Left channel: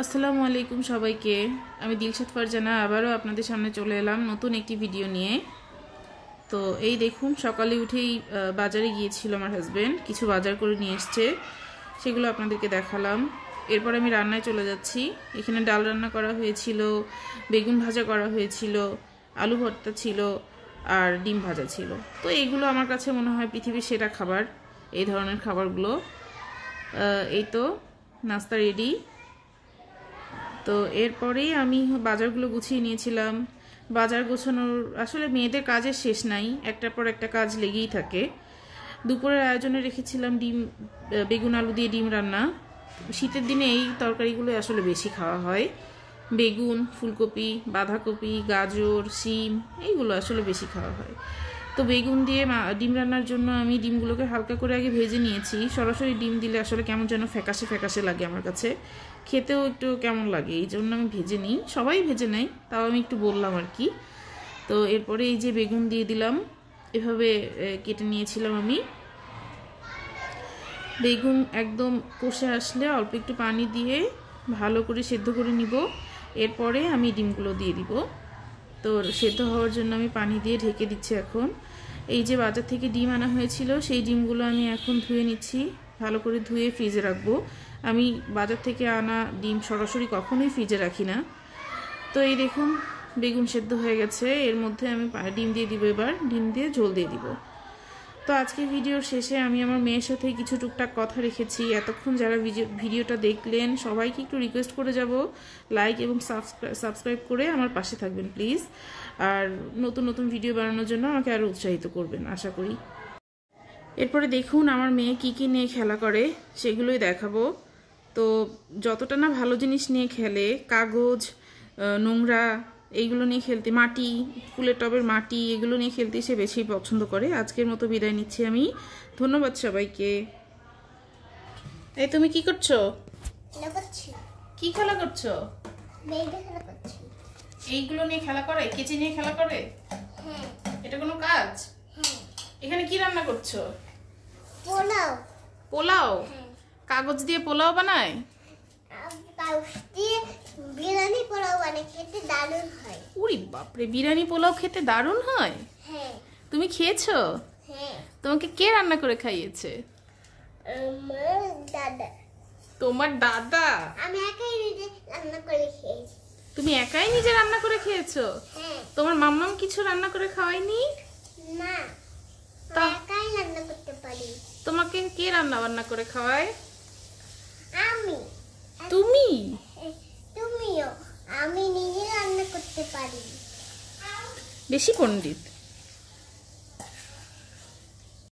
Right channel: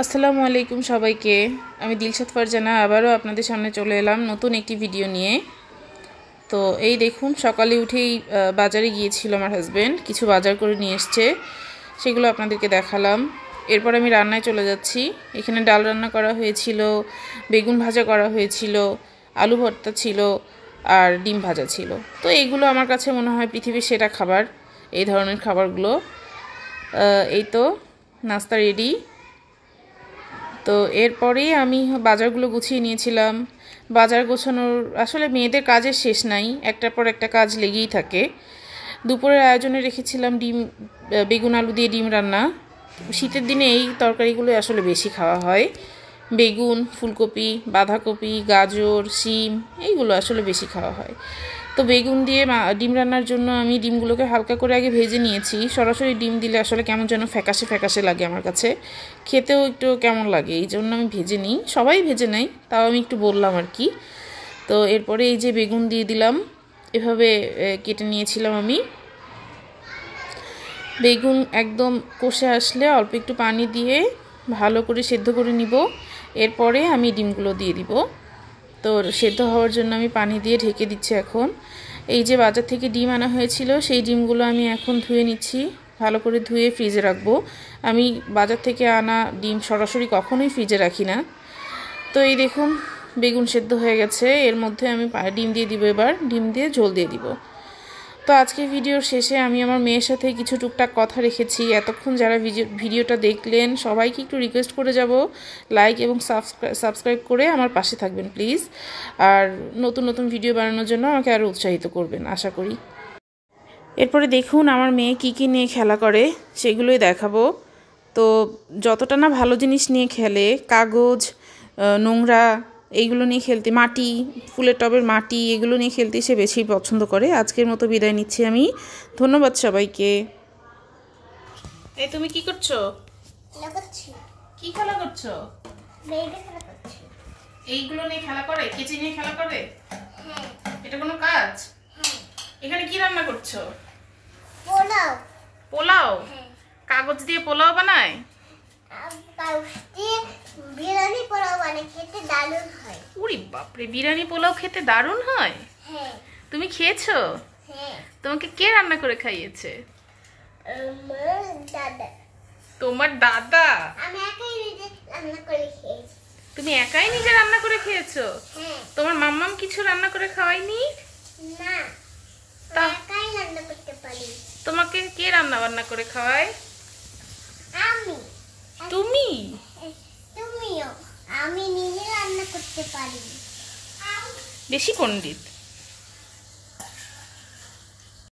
আসসালামু আলাইকুম সবাইকে। আমি দিলশাদ ফারজানা আবারও আপনাদের সামনে চলে এলাম নতুন একটি ভিডিও নিয়ে। তো এই দেখুন, সকালে উঠেই বাজারে গিয়েছিল আমার হাজব্যান্ড, কিছু বাজার করে নিয়ে এসছে, সেগুলো আপনাদেরকে দেখালাম। এরপর আমি রান্নায় চলে যাচ্ছি। এখানে ডাল রান্না করা হয়েছিল, বেগুন ভাজা করা হয়েছিল, আলু ভর্তা ছিল আর ডিম ভাজা ছিল। তো এইগুলো আমার কাছে মনে হয় পৃথিবীর সেরা খাবার, এই ধরনের খাবারগুলো। এই তো নাস্তা রেডি। তো এরপরেই আমি বাজারগুলো গুছিয়ে নিয়েছিলাম। বাজার গোছানোর আসলে মেয়েদের কাজের শেষ নাই, একটার পর একটা কাজ লেগেই থাকে। দুপুরের আয়োজনে রেখেছিলাম বেগুন আলু দিয়ে ডিম রান্না। শীতের দিনে এই তরকারিগুলো আসলে বেশি খাওয়া হয়। বেগুন, ফুলকপি, বাঁধাকপি, গাজর, শিম এইগুলো আসলে বেশি খাওয়া হয়। তো বেগুন দিয়ে ডিম রান্নার জন্য আমি ডিমগুলোকে হালকা করে আগে ভেজে নিয়েছি। সরাসরি ডিম দিলে আসলে কেমন যেন ফ্যাকাশে ফ্যাকাশে লাগে আমার কাছে, খেতেও একটু কেমন লাগে, এই জন্য আমি ভেজে নিই। সবাই ভেজে নেয়, তাও আমি একটু বললাম আর কি। তো এরপরে এই যে বেগুন দিয়ে দিলাম, এভাবে কেটে নিয়েছিলাম আমি। বেগুন একদম কষে আসলে অল্প একটু পানি দিয়ে ভালো করে সেদ্ধ করে নিব। এরপরে আমি ডিমগুলো দিয়ে দিব। তো সেদ্ধ হওয়ার জন্য আমি পানি দিয়ে ঢেকে দিচ্ছি এখন। এই যে বাজার থেকে ডিম আনা হয়েছিল, সেই ডিমগুলো আমি এখন ধুয়ে নিচ্ছি, ভালো করে ধুয়ে ফ্রিজে রাখবো। আমি বাজার থেকে আনা ডিম সরাসরি কখনোই ফ্রিজে রাখি না। তো এই দেখুন, বেগুন সেদ্ধ হয়ে গেছে। এর মধ্যে আমি ডিম দিয়ে দিব, এবার ডিম দিয়ে ঝোল দিয়ে দিব। তো আজকে ভিডিওর শেষে আমি আমার মেয়ের সাথে কিছু টুকটাক কথা রেখেছি। এতক্ষণ যারা ভিডিওটা দেখলেন সবাইকে একটু রিকোয়েস্ট করে যাব, লাইক এবং সাবস্ক্রাইব করে আমার পাশে থাকবেন প্লিজ। আর নতুন নতুন ভিডিও বানানোর জন্য আমাকে আরও উৎসাহিত করবেন আশা করি। এরপরে দেখুন আমার মেয়ে কী কী নিয়ে খেলা করে, সেগুলোই দেখাবো। তো যতটা না ভালো জিনিস নিয়ে খেলে, কাগজ, নোংরা এইগুলো নিয়ে খেলতে, মাটি, ফুলের টবের মাটি, এগুলো নিয়ে খেলতে সে বেশি পছন্দ করে। আজকের মতো বিদায় নিচ্ছি আমি। ধন্যবাদ সবাইকে। এই তুমি কি করছো? কি খেলা করছো? এইগুলো নিয়ে খেলা করে, কেচি নিয়ে খেলা করে? এটা কোনো কাজ? এখানে কি রান্না করছো? পোলাও। পোলাও? কাগজ দিয়ে পোলাও বানায়? বিরিয়ানি পোলাও বানায়, খেতে দারুণ হয়। উরি বাপরে, বিরিয়ানি পোলাও খেতে দারুণ হয়? হ্যাঁ। তুমি খেয়েছো? হ্যাঁ। তোমাকে কে রান্না করে খাইয়েছে? আমার দাদা। তোমার দাদা? আমি একাই নিজে রান্না করে খেয়েছি। তুমি একাই নিজে রান্না করে খেয়েছো? হ্যাঁ। তোমার মাম্মাম কিছু রান্না করে খাওয়ায়নি? না, একাই রান্না করতে পারি। তোমাকে কে রান্না বান্না করে খাওয়ায়? আমি। তুমি? তুমিও। আমি নিজে রান্না করতে পারি। বেশি পণ্ডিত।